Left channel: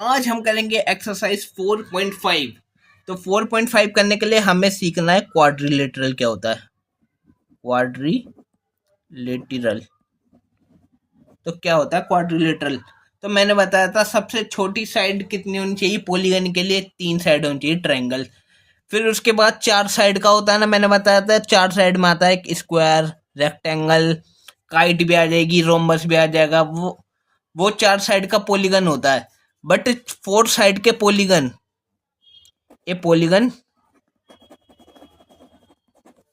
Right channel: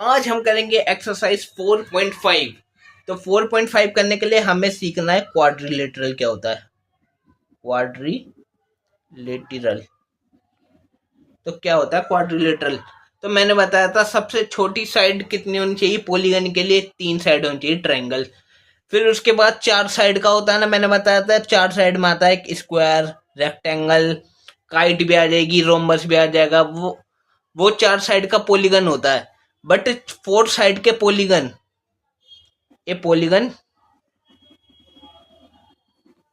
आज हम करेंगे एक्सरसाइज 4.5। तो 4.5 करने के लिए हमें सीखना है क्वाड्रिलेटरल क्या होता है। क्वाड्रिलेटरल तो क्या होता है क्वाड्रिलेटरल। तो मैंने बताया था सबसे छोटी साइड कितनी होनी चाहिए पॉलीगन के लिए, 3 साइड होनी चाहिए ट्रायंगल। फिर उसके बाद 4 साइड का होता है ना, मैंने बताया था 4 साइड में आता है एक स्क्वायर, रेक्टेंगल, काइट भी आ जाएगी, रोम्बस भी आ जाएगा। वो 4 साइड का पॉलीगन होता है। बट 4 साइड के polygon, A polygon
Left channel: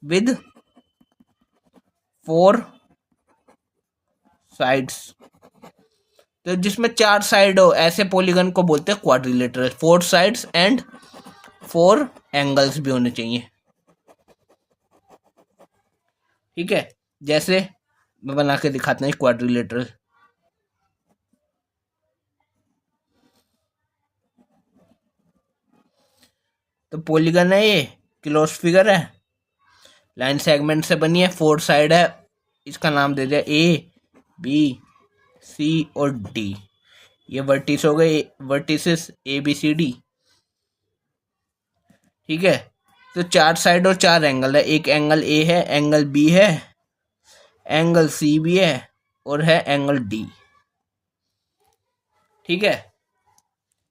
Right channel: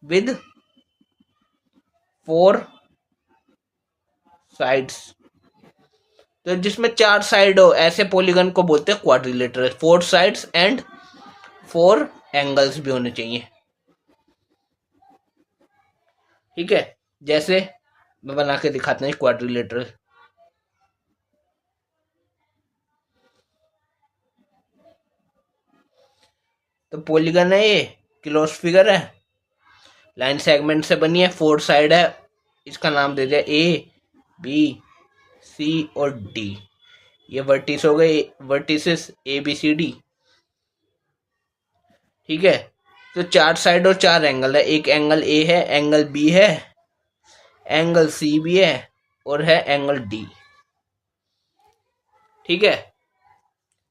with 4 sides, तो जिसमें 4 साइड हो ऐसे पॉलीगन को बोलते हैं क्वाड्रिलेटरल। 4 साइड्स एंड 4 एंगल्स भी होने चाहिए। ठीक है, जैसे मैं बना के दिखाते हैं क्वाड्रिलेटरल। तो पॉलीगन है, ये क्लोज फिगर है, लाइन सेगमेंट से बनी है, 4 साइड है। इसका नाम दे दिया ए, बी, सी और डी। ये वर्टिस हो गए, vertices A B C D. ठीक है, तो 4 साइड और 4 एंगल है। एक एंगल ए है, एंगल बी है, एंगल सी भी है और है एंगल डी। ठीक है,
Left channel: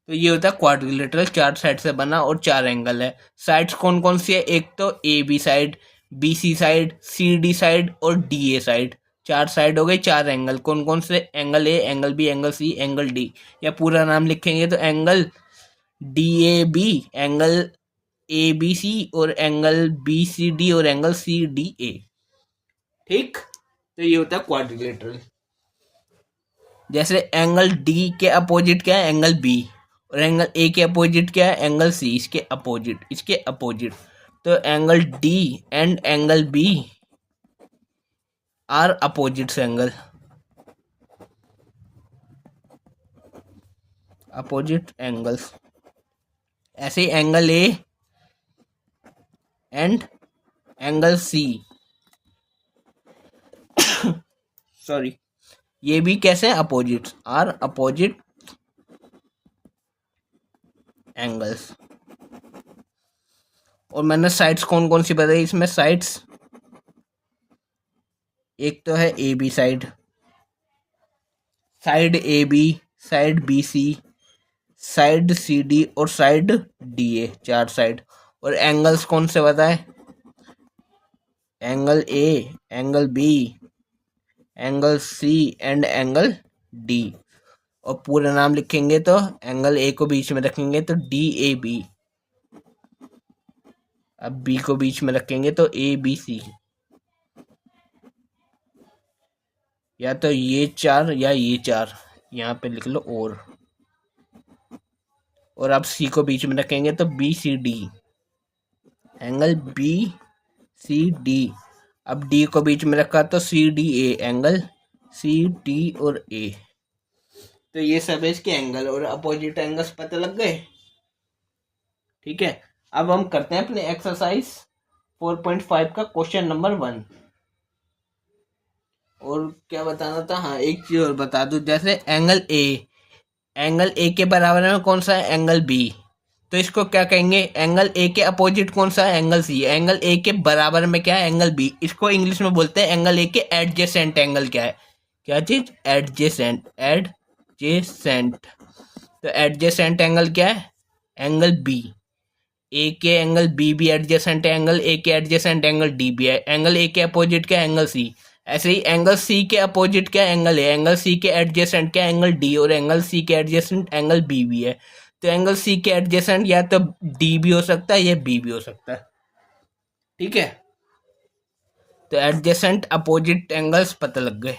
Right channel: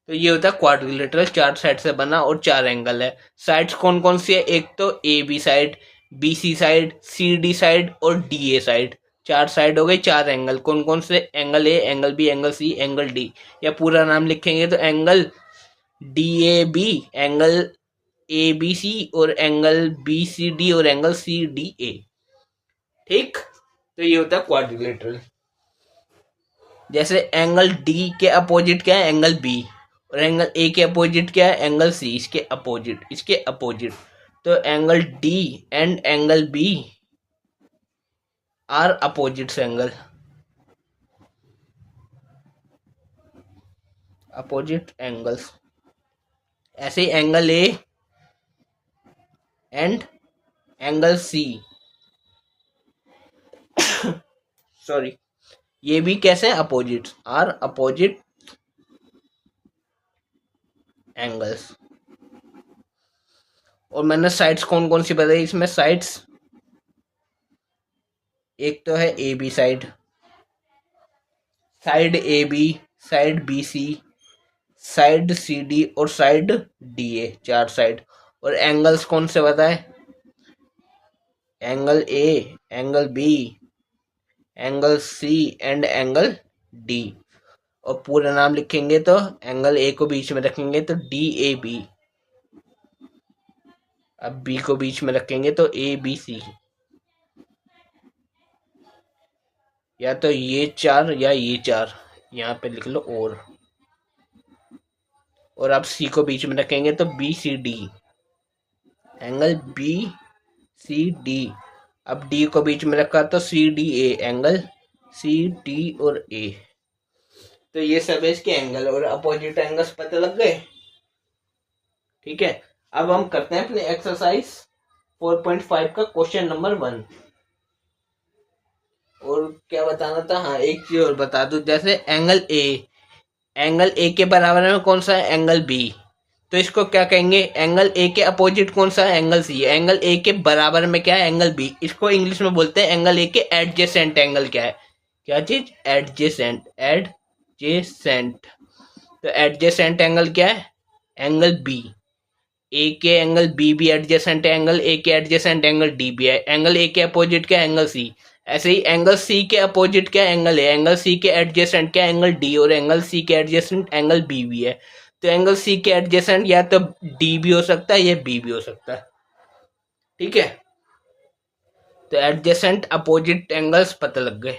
तो ये होता है क्वाड्रिलेटरल, 4 साइड से बना और 4 एंगल है। साइड्स कौन कौन सी है, एक तो A B side, B C side, C D side और डी ए साइड। 4 साइड हो गई, 4 एंगल। कौन कौन से, angle A, angle B, angle C, angle D. या पूरा नाम लिखेंगे तो angle D A B, angle A B C और एंगल बी सी डी और एंगल सी डी ए। ठीक, तो ये होता है क्वाड्रिलेटरल। जैसे एंगल डी के अपोजिट क्या है, एंगल बी, और एंगल ए के अपोजिट क्या है, एंगल सी। इसके अपोजिट, इसके अपोजिट। तो angle D and angle B are opposite angle, opposite angles. ऐसे ही angle A and angle C, sorry, ये भी कैसे अपोजिट, आर अपोजिट एंगल्स। और मैंने साइड्स कौन कौन सी बताई इसमें, साइड्स एक तो है A B side, side A B, side B C, side C D और साइड डी ए, 4 साइड। और एंगल्स कौन से बताए, angle A, angle B, angle C and angle D. और पूरा नाम लिखेंगे तो एंगल ए को बीच में रखेंगे तो डी ए बी, अब बी को बीच में रखेंगे तो ए बी सी। या तो ये 4 या ये 4, यहाँ पे लिख लो। और अब सी को बीच में रखेंगे तो B C D, angle B C D. अब डी को बीच में रखा तो C D A, angle C D और ए। तो ये सब है इसके एंगल और अपोजिट एंगल्स पता लग गए। ठीक है, अब हम करते हैं अपने एक्सरसाइज 4.5 का क्वेश्चन नंबर 1। और क्या बताना था, हाँ एक चीज और बता दूं, जैसे एंगल ए के बराबर में कौन सा है, एंगल बी। तो इसको क्या कहेंगे, एंगल ए के अपोजिट कौन सा है, एंगल सी। एंगल ए के बराबर में क्या है, एंगल बी। इसको इंग्लिश में बोलते हैं एंगल ए के एडजेसेंट एंगल। क्या है, क्या चीज, एडजेसेंट, एडजेसेंट। तो एडजेसेंट एंगल क्या है, एंगल बी। ए के एंगल बी भी एडजेसेंट है, एंगल ए के एडजेसेंट एंगल डी भी है। एंगल ए के अपोजिट क्या, एंगल सी। ऐसे ही एंगल सी के अपोजिट क्या, एंगल ए। एंगल सी के एडजेसेंट क्या, एंगल डी। और एंगल सी के एडजेसेंट एंगल बी भी है। तो एंगल सी के एडजेसेंट या तो डी भी हो सकता है या बी भी हो सकता है। ठीक है, तो एडजेसेंट अपोजिट एंगल्स पता लग गए।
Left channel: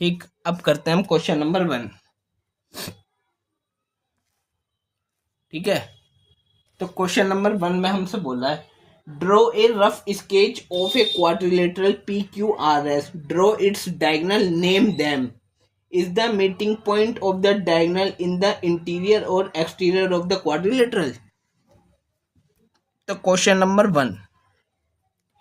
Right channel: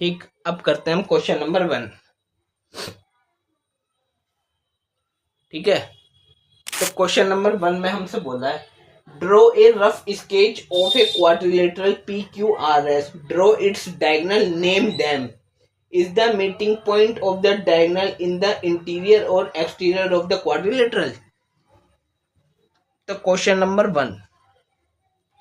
ठीक, अब करते हैं हम क्वेश्चन नंबर 1। ठीक है, तो क्वेश्चन नंबर 1 में हमसे बोला है, draw a rough sketch of a quadrilateral P Q R S, draw its diagonal, name them, is the meeting point of the diagonal in the interior और एक्सटीरियर ऑफ द क्वाड्रिलेटरल। तो question number 1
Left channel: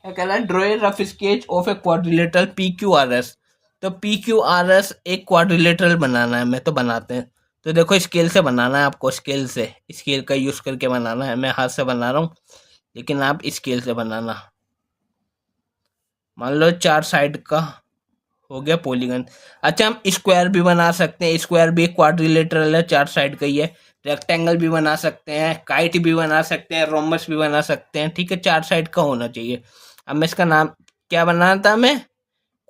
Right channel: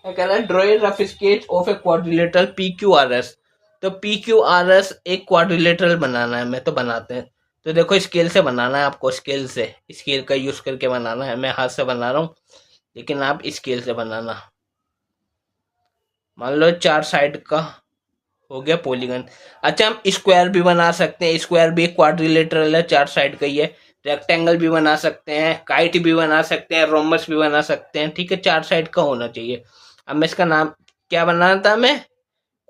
कह रहा है, draw a rough sketch of a quadrilateral P Q R S. तो P Q R S एक quadrilateral बनाना है, मैं तो बनाते हैं। तो देखो स्केल से बनाना है आपको, स्केल से, स्केल का यूज करके बनाना है। मैं हाथ से बना रहा हूँ, लेकिन आप स्केल से बनाना। मान लो 4 साइड का हो गया पॉलीगन। अच्छा, हम स्क्वायर भी बना सकते हैं, स्क्वायर भी एक क्वाड्रिलेटरल है, 4 साइड का ही है। रेक्टेंगल भी बना सकते हैं, काइट भी बना सकते हैं, रोमबस भी बना सकते हैं। ठीक है, 4 साइड का होना चाहिए। अब मैं इसका नाम क्या बनाना था, मैं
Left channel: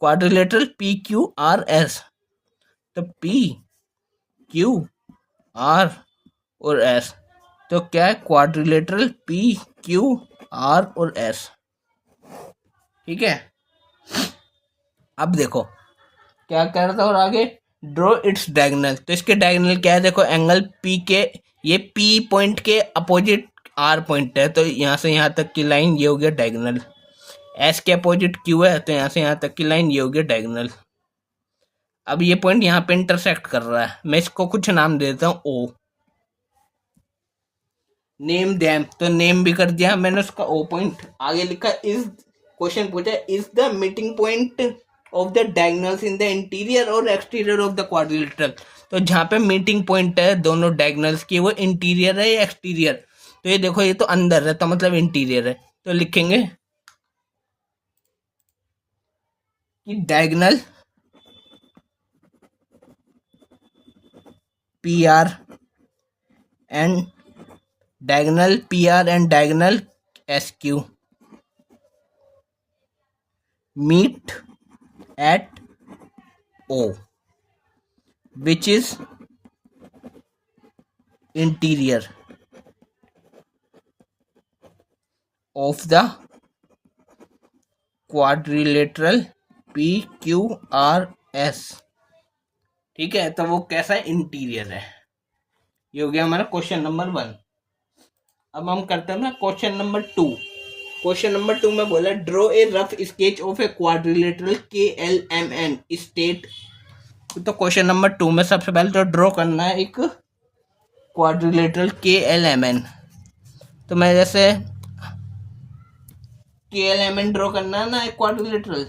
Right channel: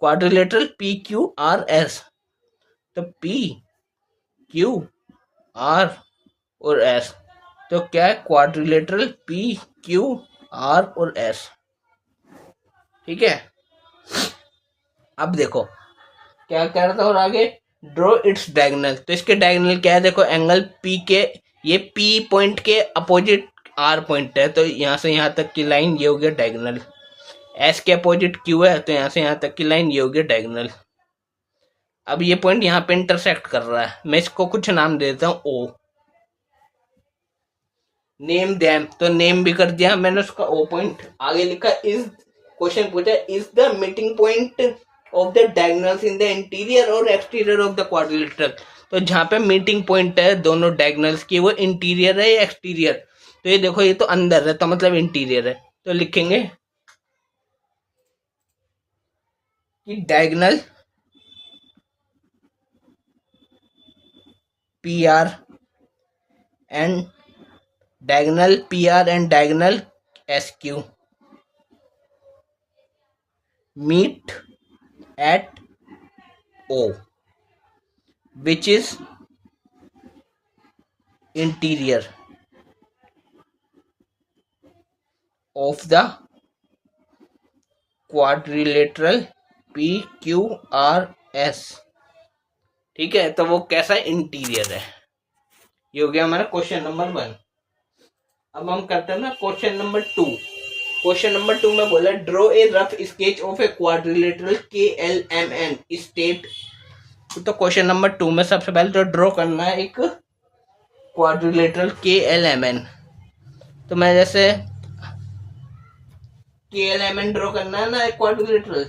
quadrilateral P Q R S. तो पी क्यू आर और एस, तो क्या है, क्वाड्रिलेटरल पी क्यू आर और एस। ठीक है, अब देखो क्या कह रहा था और आगे, ड्रॉ इट्स डायगोनल। तो इसके डायगोनल क्या है, देखो एंगल पी के, ये पी पॉइंट के अपोजिट आर पॉइंट है, तो यहाँ से यहाँ तक की लाइन ये हो गया डायगोनल। एस के अपोजिट क्यू है, तो यहाँ से यहाँ तक की लाइन ये हो गया डायगोनल। अब ये पॉइंट यहाँ पे इंटरसेक्ट कर रहा है, मैं इसको कुछ नाम दे देता हूँ ओ। नेम देम, तो नेम भी कर दिया मैंने उसका ओ पॉइंट। आगे लिखा इज, क्वेश्चन पूछा is the meeting point of the diagonals in the interior और एक्सटीरियर ऑफ द क्वाड्रिलेटरल। तो जहाँ पे मीटिंग पॉइंट है दोनों डायगोनल्स की, वो इंटीरियर है या एक्सटीरियर। तो ये देखो, ये तो अंदर है, तो मतलब इंटीरियर है। तो लिखेंगे कि diagonal P R and diagonal SQ meet at O, which is interior of the quadrilateral PQRS। ठीक है, तो वो कैसा इंटीरियर है। ये हो गया हमारा क्वेश्चन नंबर 1। अब हम करते हैं ना क्वेश्चन नंबर 2। क्वेश्चन नंबर 2 में बोला draw a rough sketch of a quadrilateral KLMN state. तो क्वेश्चन नंबर 2 में सबसे पहले तो ड्रॉ करना है एक क्वाड्रिलेटरल KLMN। तो मैं जैसे KLMN ड्रॉ करना है ना एक क्वाड्रिलेटरल,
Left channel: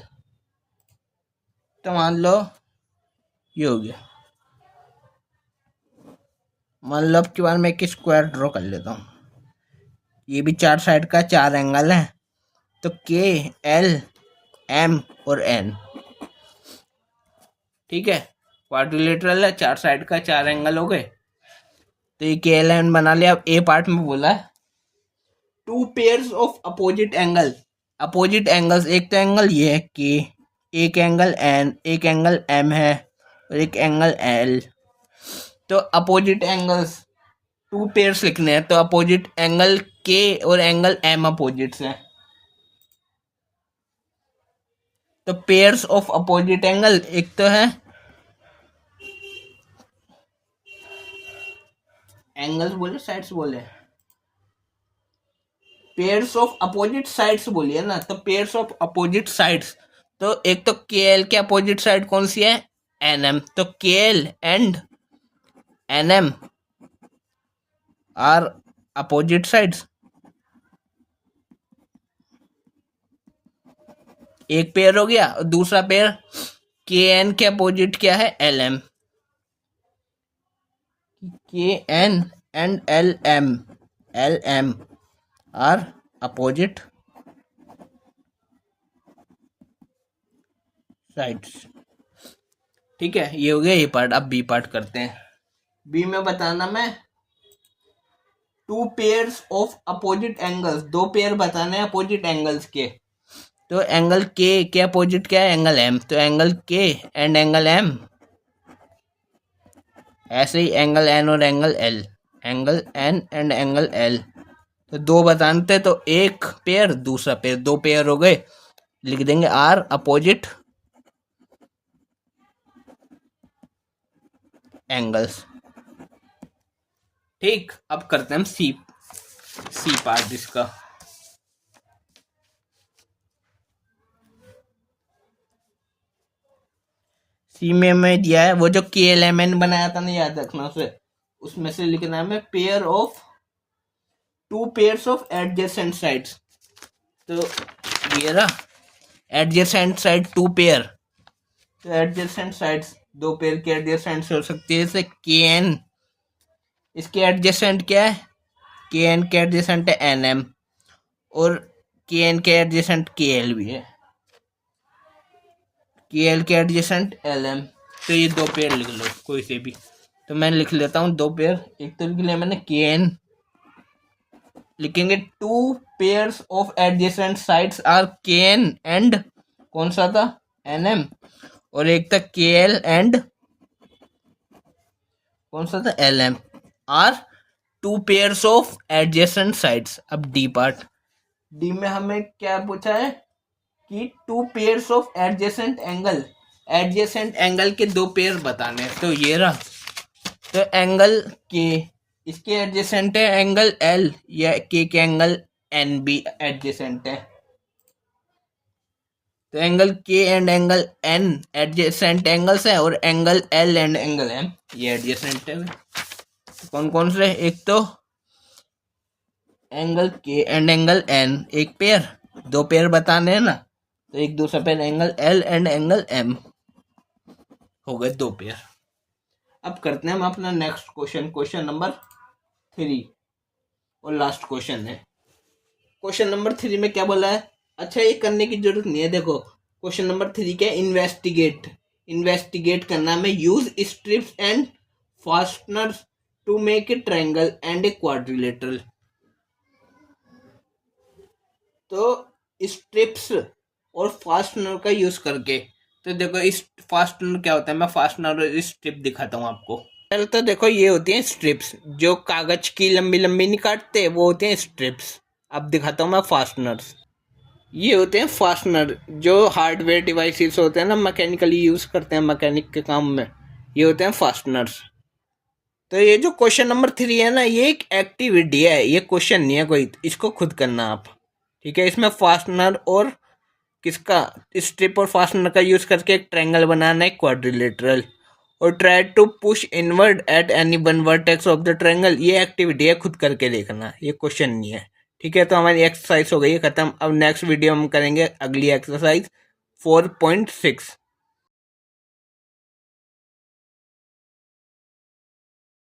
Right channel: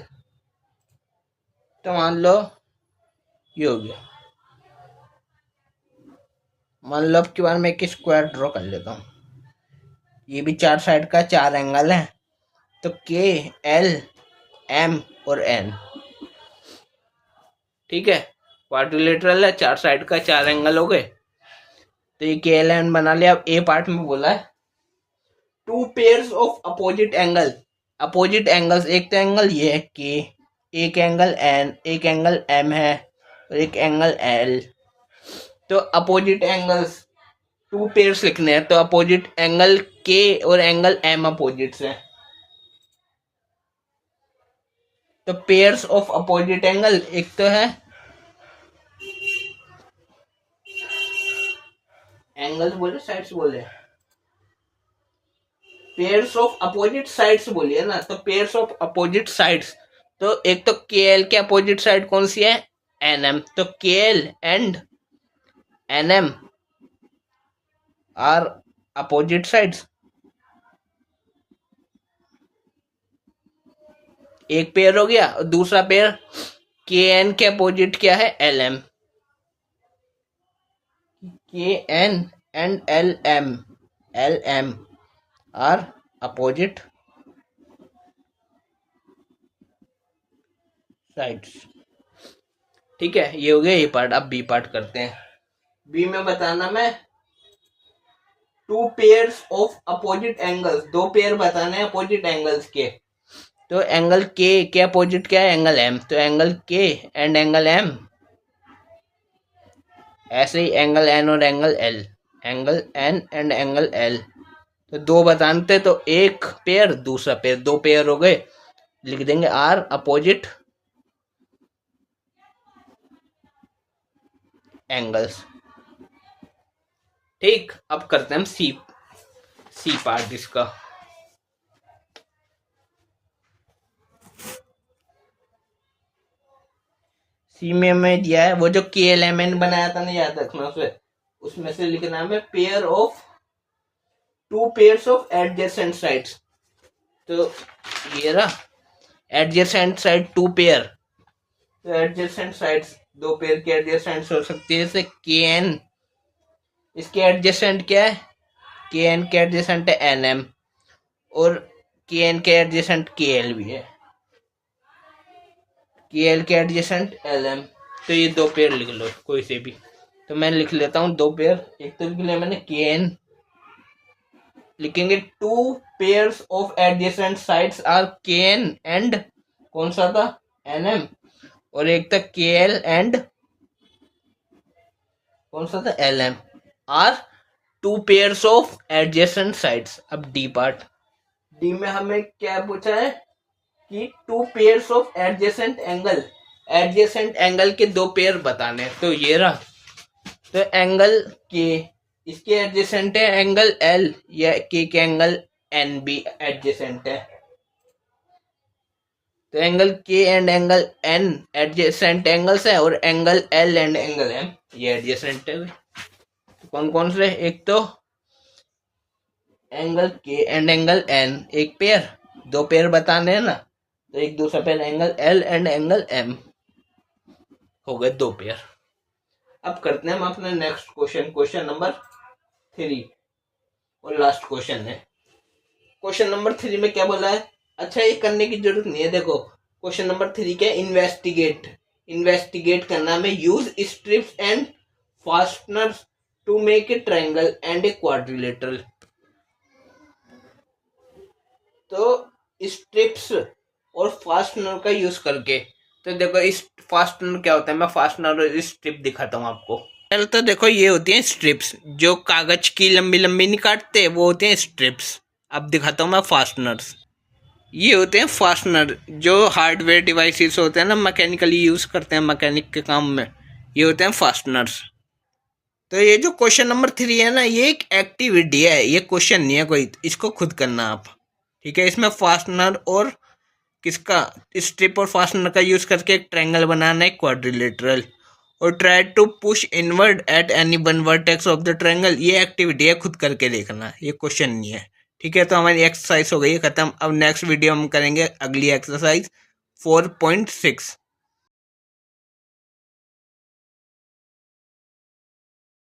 तो मान लो ये हो गया। मान लो अब की बार मैं एक स्क्वायर ड्रॉ कर लेता हूँ। ये भी 4 साइड का 4 एंगल है, तो KLM और N। ठीक है, क्वाड्रिलेटरल है, 4 साइड का 4 एंगल हो गए। तो ये KLM बना लिया। अब ए पार्ट में बोला है 2 pairs of opposite angle. Opposite angles, एक तो एंगल ये है K, एक एंगल N, एक एंगल M है और एक एंगल L। तो अपोजिट एंगल्स 2 पेयर्स लिखने हैं, तो अपोजिट एंगल K और एंगल M अपोजिट्स हैं। तो पेयर्स ऑफ अपोजिट एंगल, एक तो है एंगल्स बोले साइड्स बोले, पेयर्स ऑफ अपोजिट साइड्स बोलिए ना, तो पेयर्स ऑफ अपोजिट साइड्स। तो एक तो KL के अपोजिट साइड कौन सी है, NM। तो KL and NM are opposite sides. एक पेयर हो गया, और दूसरा पेयर KN के अपोजिट क्या है, LM। KN and LM are opposite sides. ठीक है, ये हो गया ये पार्ट। अब बी पार्ट करते हैं। बी में बताना मैं 2 pairs of opposite angles, 2 pair बताने हैं अपोजिट एंगल्स के। तो एंगल के अपोजिट क्या है, एंगल M। तो angle K and angle M, ऐसे ही एंगल N और angle L, angle N and angle L। तो 2 बताते, तो एक पेयर दूसरा पेयर, 2 पेयर हो गए। लिख देंगे आर अपोजिट एंगल्स। ठीक, अब करते हैं हम सी पार्ट इसका। सी में मैं दिया है वो जो KLMN बनाया था ना, याद रखना उसे, उसमें से लिखना है pair of 2 pairs of adjacent sides. तो ये रहा एडजेसेंट साइड 2 पेयर, तो एडजेसेंट साइड्स, दो पेयर के एडजेसेंट्स हो सकती है, जैसे के एन, इसके एडजेसेंट क्या है, के एन के एडजेसेंट है एन एम, और के एन के एडजेसेंट के एल भी है, के एल के एडजेसेंट एल एम। तो ये दो पेयर लिख लो कोई से भी। तो मैं लिख लेता हूँ दो पेयर, एक तो लिख लिया मैंने के एन, लिखेंगे two pairs of adjacent sides are K N and कौन सा था, एन एम, और एक था के एल एंड कौन सा था, L M, are two pairs of adjacent sides. अब डी पार्ट, डी में हमें क्या पूछा है कि two pairs of adjacent angle, adjacent angle के दो पेयर बताने हैं। तो ये रहा, तो एंगल के, इसके एडजेसेंट है एंगल एल, या के एंगल एन भी एडजेसेंट है। तो angle K and angle N adjacent angles है, और angle L and angle M ये एडजेसेंट है। तो कौन कौन से, एक तो angle K and angle N एक पेयर, दो पेयर बताने हैं ना, तो एक दूसरा pair angle L and angle M, हो गए दो पेयर। अब करते हैं हम अपना नेक्स्ट क्वेश्चन, क्वेश्चन नंबर 3 और लास्ट क्वेश्चन है। क्वेश्चन नंबर 3 में क्या बोला है, अच्छा ये करने की जरूरत नहीं है, देखो क्वेश्चन नंबर 3 क्या है, इन्वेस्टिगेट, इन्वेस्टिगेट करना में use strips and fasteners to make a triangle and a quadrilateral. तो स्ट्रिप्स और फास्टनर का यूज करके, तो देखो इस फास्टनर क्या होता है, मैं फास्टनर और स्ट्रिप दिखाता हूँ आपको। पहले तो देखो ये होती हैं स्ट्रिप्स, जो कागज की लंबी लंबी नहीं काटते, वो होते हैं स्ट्रिप्स। अब दिखाता हूँ मैं फास्टनर्स, ये होते हैं फास्टनर, जो हार्डवेयर डिवाइसेस होते हैं ना, मैकेनिकली यूज़ करते हैं मैकेनिक के काम में, ये होते हैं फास्टनर्स। तो ये जो क्वेश्चन नंबर 3 है ना, ये एक एक्टिविटी है, ये क्वेश्चन नहीं है कोई, इसको खुद करना आप, ठीक है। इसमें फास्टनर और किसका, स्ट्रिप और फास्टनर का यूज़ करके एक ट्रायंगल बनाना है क्वाड्रिलेटरल, और try to push inward at any one vertex of the triangle. ये एक्टिविटी है, खुद करके देखना, ये क्वेश्चन नहीं है, ठीक है। तो हमारी एक्सरसाइज हो गई है खत्म। अब नेक्स्ट वीडियो हम करेंगे अगली एक्सरसाइज 4.6।